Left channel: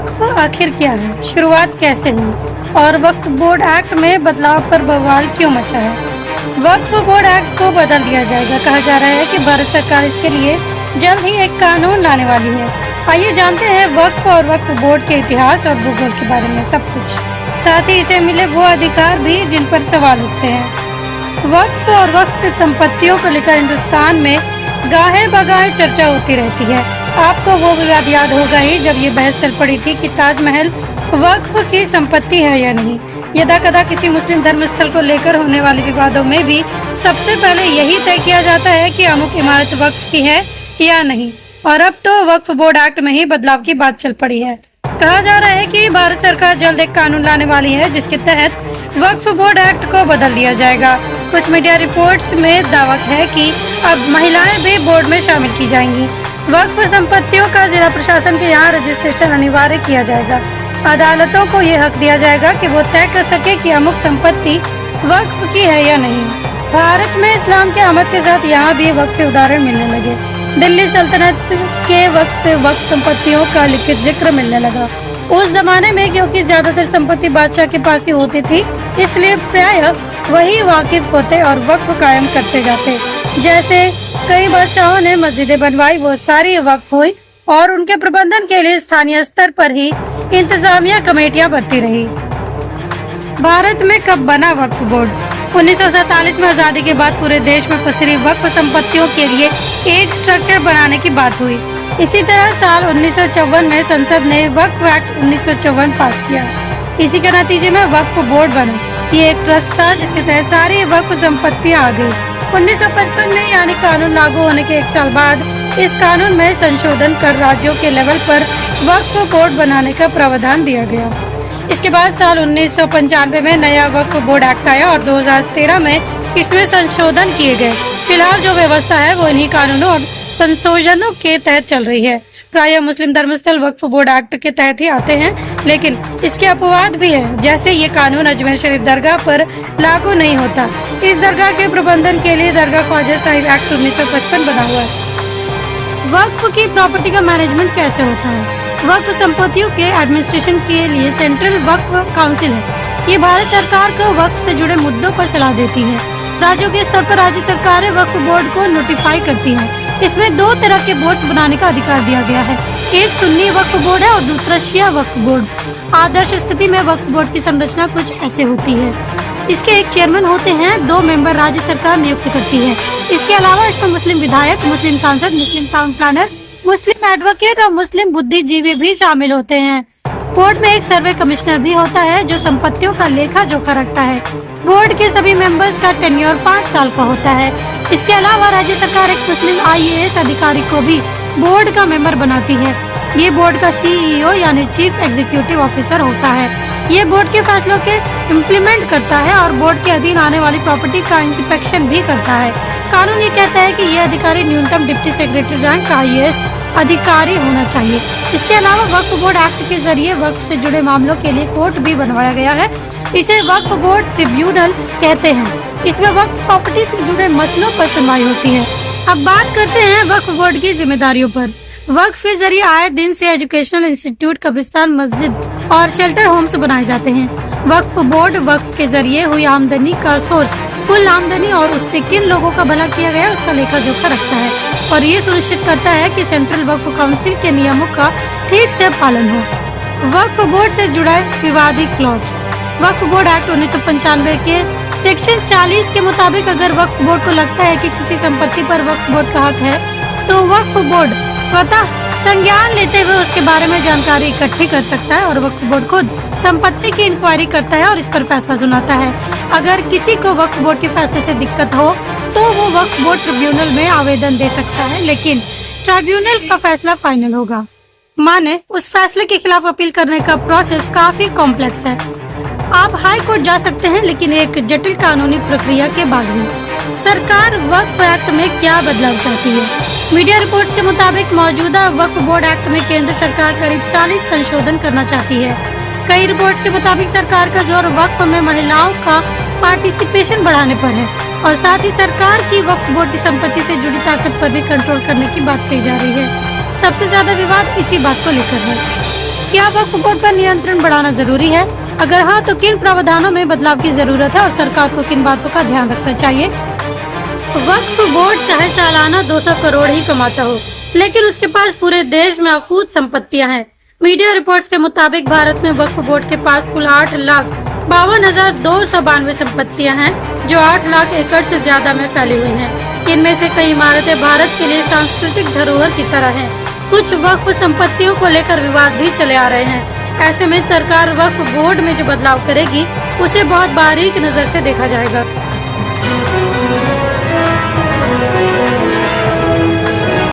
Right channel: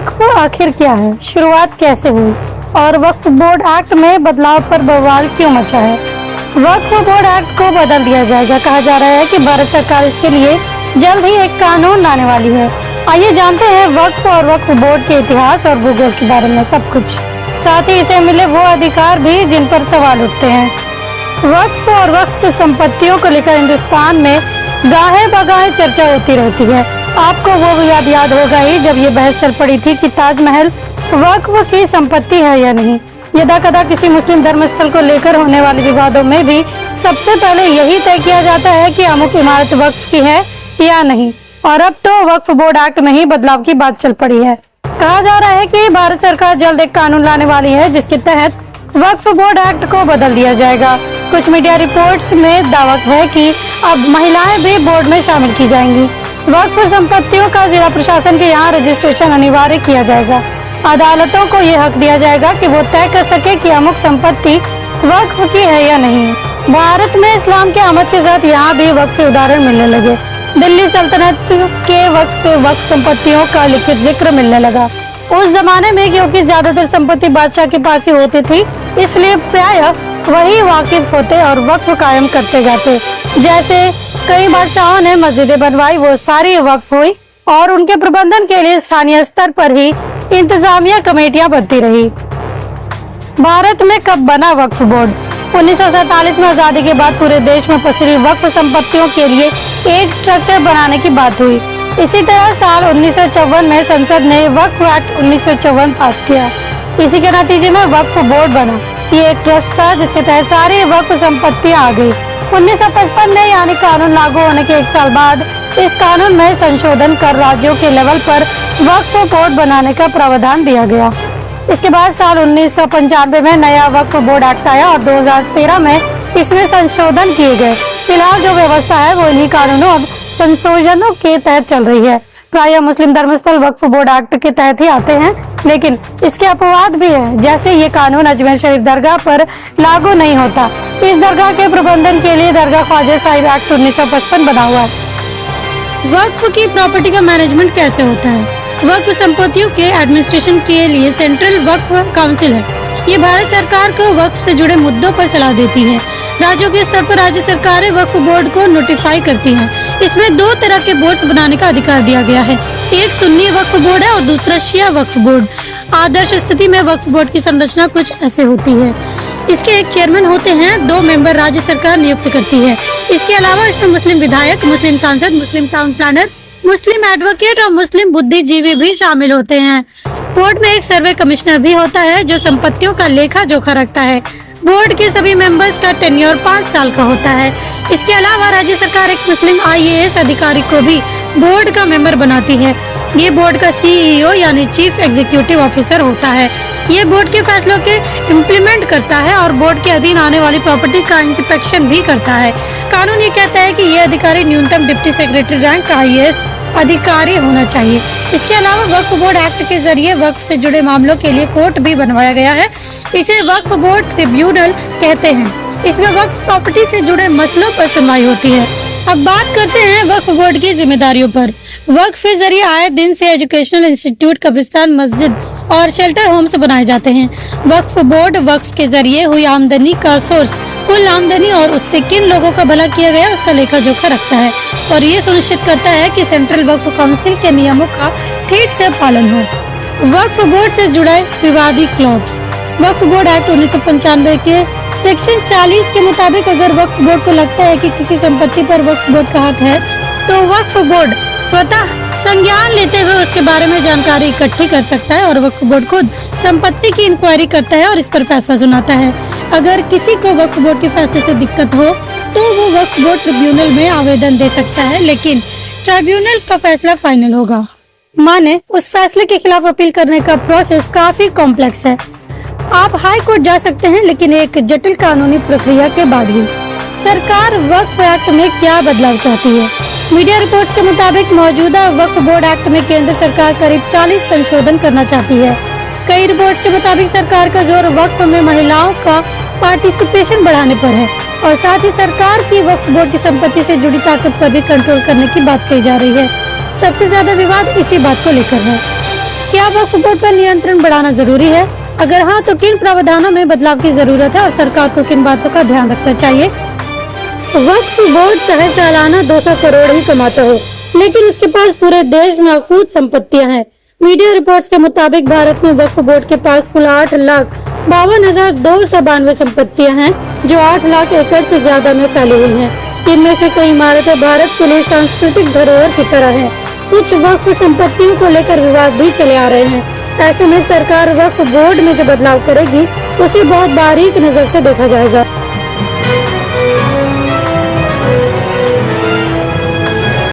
वक्फ आखिर क्या है, शुरुआत कैसे हुई और वक्फ बोर्ड एक्ट में बदलाव पर बवाल क्यों मचा है। वक्फ बोर्ड एक्ट को बदल दिया जाएगा। कहा जा रहा है कि भारत सरकार इसके लिए जल्द ही एक कानून लाने वाली है। आइए जानते हैं वक्फ और वक्फ बोर्ड के इतिहास और भूगोल के बारे में सब कुछ, साथ ही इसे मिले वो अधिकार भी जिन पर सवाल उठते हैं। वक्फ और वक्फ की संपत्तियों को लेकर हिंदुस्तान में गाहे बगाहे चर्चा होती रहती है। आपको वो याद होगा ही जब ये बहस चल पड़ी थी कि ताजमहल वक्फ की संपत्ति है या नहीं। यदा कदा किसी मुस्लिम धर्मस्थल को लेकर होने वाले विवादों में भी सबसे पहले यही तय किया जाता है कि अमुक इमारत वक्फ की है या नहीं, और अब तो वक्फ बोर्ड एक्ट में ही बदलाव की बात चल पड़ी है। कहा जा रहा है कि भारत सरकार जल्द एक कानून लाने वाली है जिसके तहत वक्फ बोर्ड एक्ट को बदल दिया जाएगा। कुछ मीडिया रिपोर्ट्स में दावा है कि अब महिलाएं भी बोर्ड में शामिल की जाएंगी। वक्फ संपत्तियों का जिला प्रशासन के यहाँ रजिस्ट्रेशन अनिवार्य किया जाएगा। अदालतों को ये हक दिया जाएगा कि वो तय कर सके कि अमुक संपत्ति वक्फ की है या नहीं। भारत में इस्लाम के आमद के साथ यहाँ भी वक्फ के उदाहरण मिलने लगे। दिल्ली सल्तनत के वक्त से वक्फ संपत्तियों का लिखित जिक्र मिलने लगा। उस जमाने में क्योंकि ज्यादातर संपत्ति बादशाह के पास ही होती थी, इसलिए प्रायः वही वाकिफ होते और वक्फ कायम करते जाते। जैसे कई बादशाहों ने मस्जिदें बनवाई, वो सारी वक्फ हुई और उनके प्रबंधन के लिए स्थानीय स्तर पर ही इंतजामिया कमेटियां बनती रही। भारत में कब बना वक्फ बोर्ड? 1947 में आजादी के बाद पूरे देश में पसरी वक्फ संपत्तियों के लिए एक स्ट्रक्चर बनाने की बात हुई। इसी तरह साल 1954 में संसद ने वक्फ एक्ट 1954 पास किया। इसी के नतीजे में वक्फ बोर्ड बना। ये एक ट्रस्ट था जिसके तहत सारी वक्फ संपत्तियां आ गई। 1955 में यानी कानून लागू होने के एक साल बाद इस कानून में संशोधन कर राज्यों के लेवल पर वक्फ बोर्ड बनाने का प्रावधान दिया गया। इसके बाद साल 1995 में नया वक्फ बोर्ड एक्ट आया और 2013 में इसमें संशोधन किए गए। फिलहाल जो व्यवस्था है वो इन्हीं कानूनों और संशोधनों के तहत चल रही है। प्रायः मुस्लिम धर्मस्थल वक्फ बोर्ड एक्ट के तहत ही आते हैं, लेकिन इसके अपवाद भी है। जैसे ये कानून अजमेर शरीफ दरगाह पर लागू नहीं होता। इस दरगाह के प्रबंधन के लिए दरगाह ख्वाजा साहिब एक्ट 1955 बना हुआ है। वक्फ की प्रॉपर्टी का मैनेजमेंट कैसे होता है? वक्फ संपत्तियों के एडमिनिस्ट्रेशन के लिए सेंट्रल वक्फ काउंसिल है। ये भारत सरकार को वक्फ से जुड़े मुद्दों पर सलाह देती है। राज्यों के स्तर पर राज्य सरकारें वक्फ बोर्ड को नोटिफाई करती हैं। इसमें दो तरह के बोर्ड बनाने का अधिकार दिया गया है। एक सुन्नी वक्फ बोर्ड है और दूसरा शिया वक्फ बोर्ड। आदर्श स्थिति में वक्फ बोर्ड की संरचना कुछ ऐसे होती है। इसके एक चेयरमैन होते हैं, 2 मेंबर राज्य सरकार नियुक्त करती है। इसके अलावा इसमें मुस्लिम विधायक, मुस्लिम सांसद, मुस्लिम टाउन प्लानर, मुस्लिम एडवोकेट और मुस्लिम बुद्धिजीवी भी शामिल होते हैं। बोर्ड में एक सर्वे कमिश्नर भी होता है जो संपत्तियों का लेखा जोखा रखता है। बोर्ड के सभी मेंबर्स का टेन्योर 5 साल का होता है। इसके अलावा राज्य सरकार एक मुस्लिम IAS अधिकारी को भी बोर्ड का मेंबर बनाती है। ये बोर्ड का CEO यानी चीफ एग्जीक्यूटिव ऑफिसर होता है। ये बोर्ड के फैसलों के इम्प्लीमेंट करता है और बोर्ड के अधीन आने वाली प्रॉपर्टी का इंस्पेक्शन भी करता है। कानून ये कहता है कि ये अधिकारी न्यूनतम डिप्टी सेक्रेटरी रैंक का IAS अधिकारी होना चाहिए। इसके अलावा वक्फ बोर्ड एक्ट के जरिए वक्फ से जुड़े मामलों के लिए कोर्ट भी बनवाया गया है। इसे वक्फ बोर्ड ट्रिब्यूनल कहते हैं। इसमें वक्फ प्रॉपर्टी से जुड़े मसलों पर सुनवाई होती है। अब बात करते हैं वक्फ बोर्ड की जिम्मेदारियों पर। वक्फ के जरिए आए दिन से एजुकेशनल इंस्टीट्यूट, कब्रिस्तान, मस्जिद और शेल्टर होम्स बनाए जाते हैं। वक्फ बोर्ड वक्फ के जरिए हुई आमदनी का सोर्स, कुल आमदनी और उससे किन लोगों का भला किया गया उसका लेखा जोखा रखता है और ये सुनिश्चित करता है कि सेंट्रल वक्फ काउंसिल के नियमों का ठीक से पालन हो। वक्फ बोर्ड से जुड़े विवादी क्लॉज। वक्फ बोर्ड एक्ट 1995 के सेक्शन 40 के मुताबिक अगर वक्फ बोर्ड को लगता है कि किसी संपत्ति पर वक्फ बोर्ड का हक है तो वक्फ बोर्ड स्वतः संज्ञान लेते हुए उसके बारे में जानकारी इकट्ठी कर सकता है और वक्फ बोर्ड खुद संपत्ति की इंक्वायरी करता है और इस पर फैसला सुनाता है। अगर किसी को वक्फ बोर्ड के फैसले से दिक्कत हो तो वो वक्फ बोर्ड ट्रिब्यूनल में आवेदन दे सकता है, लेकिन ट्रिब्यूनल का फैसला फाइनल होगा। माने उस फैसले के खिलाफ अपील करने का प्रोसेस काफी कॉम्प्लेक्स है। आप हाई कोर्ट जा सकते हैं, लेकिन एक जटिल कानूनी प्रक्रिया के बाद ही। सरकार वक्फ एक्ट में क्या बदलाव चाहती है? मीडिया रिपोर्ट के मुताबिक मौजूदा वक्फ बोर्ड एक्ट में केंद्र सरकार करीब 40 संशोधन करना चाहती है। कई रिपोर्ट्स के मुताबिक सरकार का जोर वक्फ में महिलाओं का पार्टिसिपेशन बढ़ाने पर है और साथ ही सरकार की वक्फ बोर्ड की संपत्ति से जुड़ी ताकत पर भी कंट्रोल करने की बात कही जा रही है। सबसे ज्यादा विवाद इसी बात को लेकर है। क्या वक्फ बोर्ड पर नियंत्रण बढ़ाना जरूरी है? अगर हाँ, तो किन प्रावधानों में बदलाव की जरूरत है और सरकार को किन बातों का ध्यान रखना चाहिए? वक्फ बोर्ड चाहे सालाना 200 करोड़ ही कमाता हो, लेकिन उसके पास पूरे देश में अकूत संपत्तियां हैं। मीडिया रिपोर्ट्स के मुताबिक भारत में वक्फ बोर्ड के पास कुल 8,52,292 संपत्तियां हैं, जो 8 लाख एकड़ से ज्यादा में फैली हुई हैं। इनमें से कई इमारतें भारत के लिए सांस्कृतिक धरोहर की तरह हैं। कुछ वक्फ संपत्तियों को लेकर विवाद भी चले आ रहे हैं। ऐसे में सरकार वक्फ बोर्ड में जो बदलाव करेगी, उसे बहुत बारीक नजर से देखा जाएगा।